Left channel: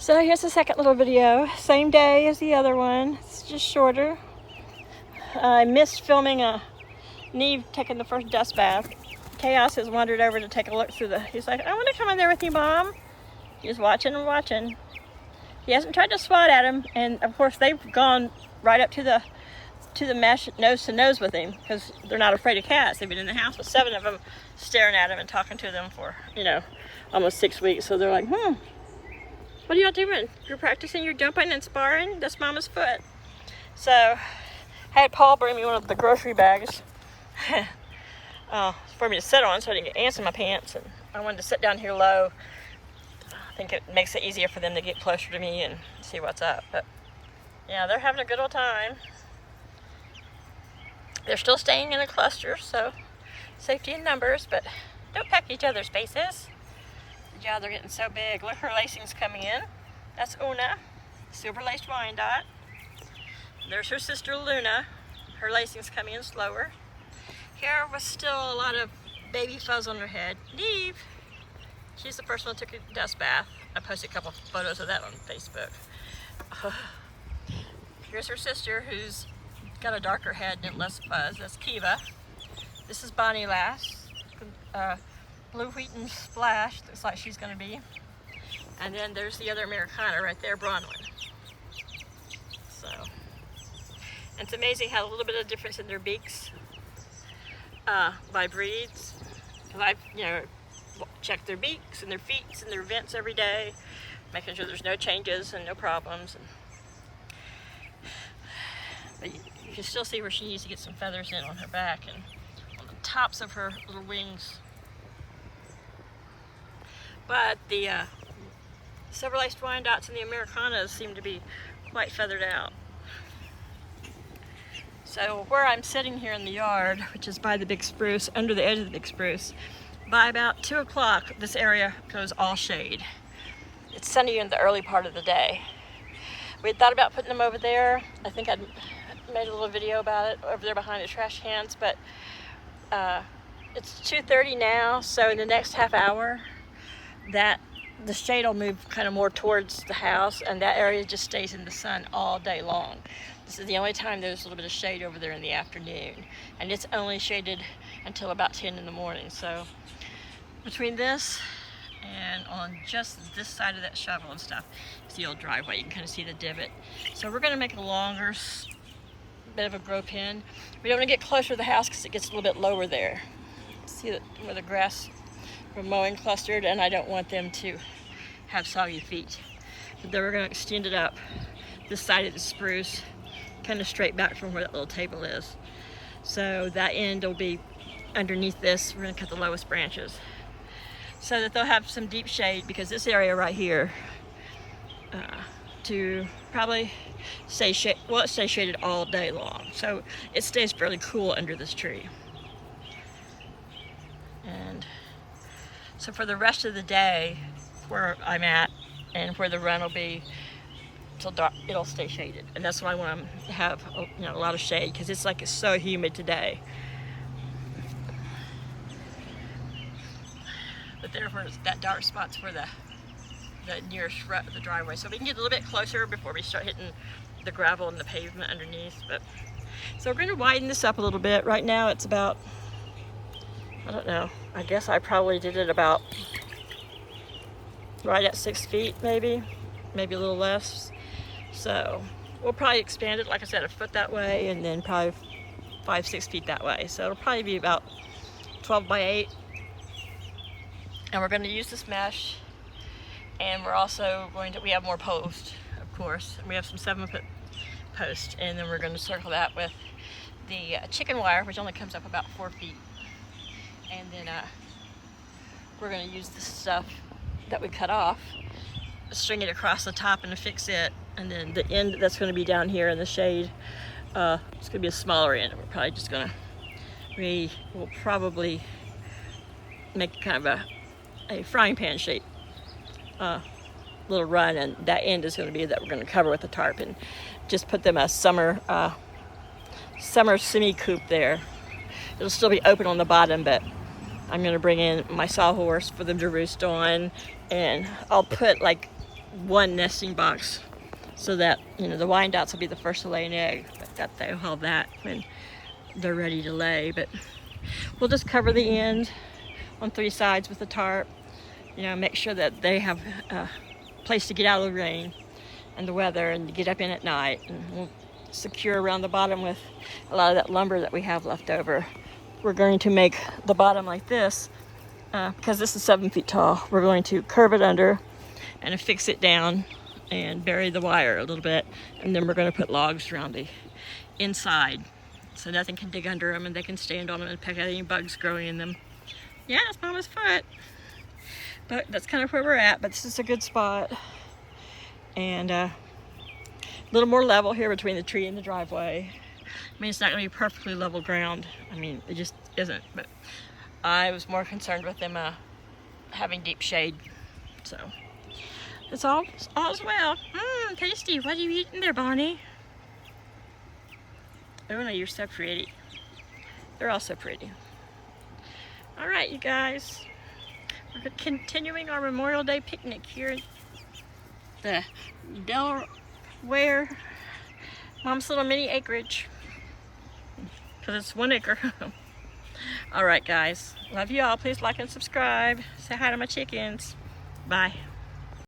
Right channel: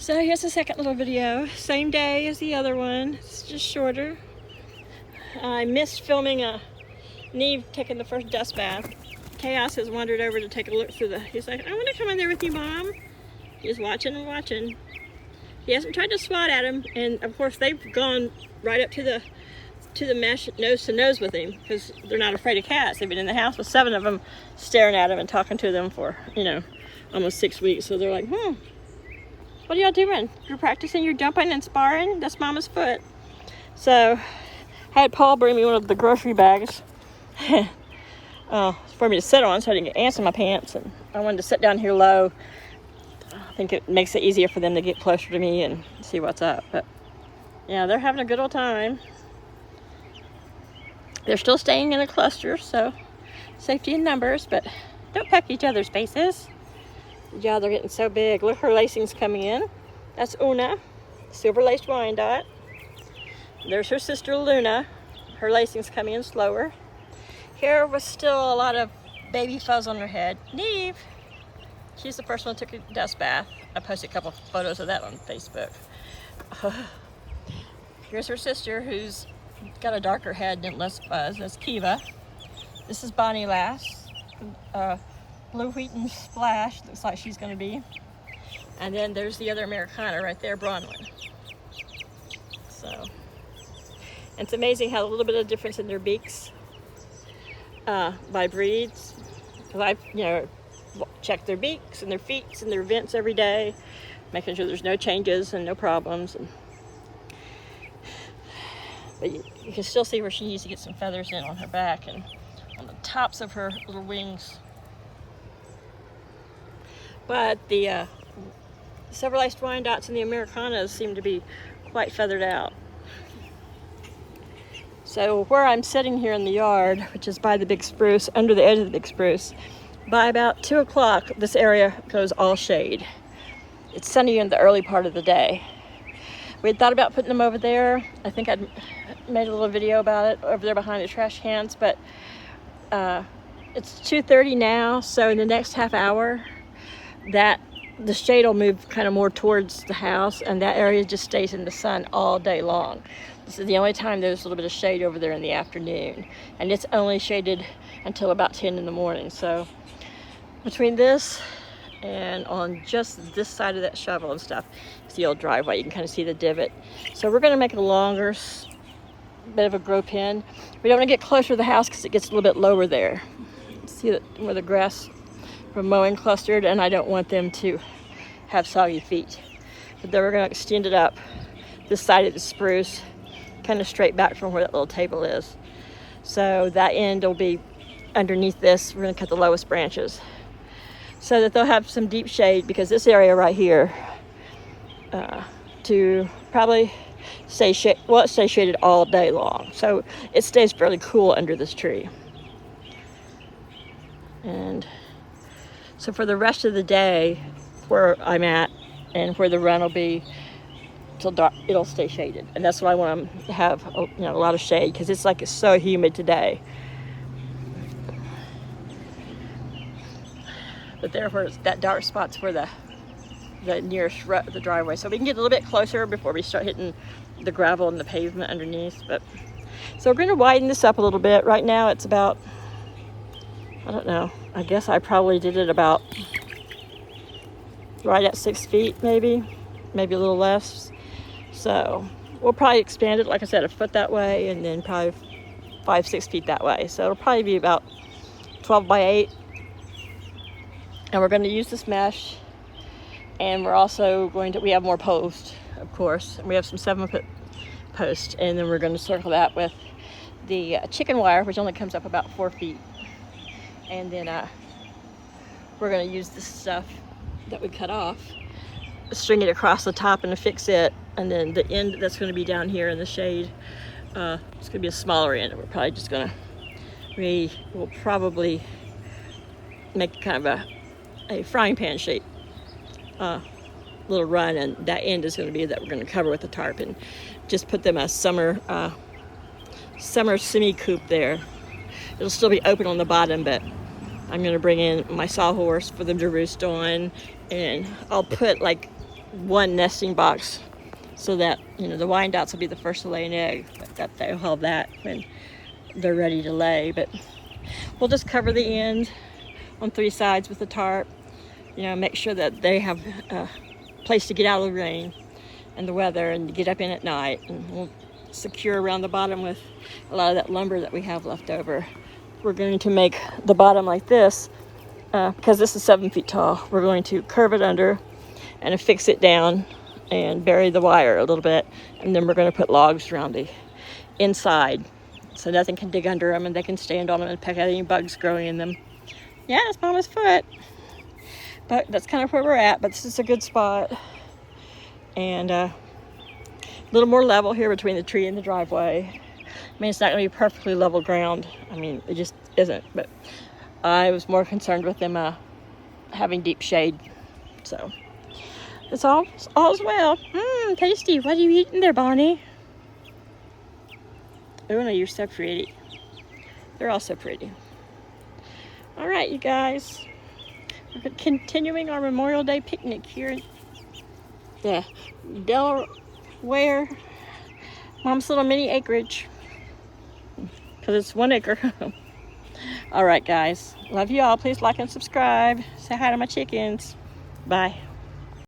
So here's the second little video. Same day as the other one. It's just shorter. I missed filming Neve taking the first dust bath. Chaos has wandered over to take a look through he's like, I want to come in there with you, Mom. He's watching and watching. He hasn't tried to swat at him, and of course they've gone right up to the mesh nose to nose with him because they're not afraid of cats. They've been in the house with 7 of them staring at him and talking to them for, almost 6 weeks. So they're like, what are y'all doing? You're practicing your jumping and sparring? That's Mama's foot. So I had Paul bring me one of the grocery bags for me to sit on so I didn't get ants in my pants. And I wanted to sit down here low. I think it makes it easier for them to get closer to me and see what's up. But yeah, they're having a good old time. They're still staying in a cluster, so safety in numbers, but don't peck each other's faces. Yeah, they're getting so big. Look, her lacing's coming in. That's Una, silver-laced Wyandotte. There's her sister Luna. Her lacing's coming in slower. Here was still a lot of baby fuzz on her head. Neve, she's the first one who took a dust bath. I posted a couple photos of that on Facebook. Here's her sister who's got a darker head and less fuzz. That's Kiva. This is Bonnie Lass. Blue Wheaton Splash, looks like she's going to be. And then there's the other Americana right there, Bronwyn. So, and it's amazing how a little bit of difference in their beaks by breeds. Because I, check their beaks and their feet and their vents every day, making sure there's no changes and no problems. But you can still see where she needs to get some feathers in on her back and on the tops of her little wings. But the silver-laced Wyandottes and the Americanas seem to be quite feathered out. So where I'm sitting here in the yard, which is by the big spruce, under the edge of the big spruce, by about 2 o'clock, this area goes all shade. It's sunny in the early part of the day. We had thought about putting them over there. I think I'd made a little video about it over there behind the trash cans, but it's 2:30 now, so in the next half hour, the shade will move kind of more towards the house, and that area just stays in the sun all day long. This is the only time there's a little bit of shade over there in the afternoon, and it's only shaded until about 10 in the morning. So between this and on just this side of that shovel and stuff, it's the old driveway. You can kind of see the divot. So we're going to make it a longer bit of a grow pen. We don't want to get closer to the house because it gets a little bit lower there. See where the grass from mowing clustered, and I don't want them to have soggy feet. But then we're going to extend it up this side of the spruce, kind of straight back from where that little table is. So that end will be underneath this. We're going to cut the lowest branches so that they'll have some deep shade, because this area right here to probably stay it stays shaded all day long. So it stays fairly cool under this tree. And so for the rest of the day, where I'm at and where the run will be till dark, it'll stay shaded. And that's why I want to have a lot of shade, because it's so humid today. But there, where that dark spot's where the nearest the driveway, so we can get a little bit closer before we start hitting the gravel and the pavement underneath. But so we're going to widen this up a little bit. Right now it's about, I don't know, I guess I probably did it about right at 6 feet, maybe a little less. So we'll probably expand it, like I said, a foot that way, and then probably 5-6 feet that way. So it'll probably be about 12 by 8. And we're going to use this mesh, and we're also we have more posts, of course, and we have some 7-foot posts, and then we're going to circle that with the chicken wire, which only comes up about 4 feet. And then we're going to use this stuff that we cut off, string it across the top and affix it, and then the end that's going to be down here in the shade, it's going to be a smaller end. We're probably just going to, we will probably make kind of a frying pan shape little run, and that end is going to be that we're going to cover with a tarp and just put them a summer semi-coop there. It'll still be open on the bottom, but I'm going to bring in my sawhorse for them to roost on, and I'll put one nesting box so that, you know, the Wyandottes will be the first to lay an egg. But that they'll have that when they're ready to lay. But we'll just cover the end on 3 sides with a tarp. You know, make sure that they have a place to get out of the rain and the weather and get up in at night. And we'll secure around the bottom with a lot of that lumber that we have left over. We're going to make the bottom like this because this is 7 feet tall. We're going to curve it under and affix it down and bury the wire a little bit, and then we're going to put logs around the inside so nothing can dig under them and they can stand on them and peck at any bugs growing in them. Yeah, it's Mama's foot. But that's kind of where we're at, but this is a good spot. And a little more level here between the tree and the driveway. I mean, it's not going to be perfectly level ground. I mean, it just isn't. But I was more concerned with them having deep shade. So it's all's well. Tasty. What are you eating there, Bonnie? Oh no, you're so pretty. They're all so pretty. All right, you guys. We're continuing our Memorial Day picnic here in the Delaware Mom's little mini acreage, because it's 1 acre. All right, guys. Love you all. Please like and subscribe. Say hi to my chickens. Bye.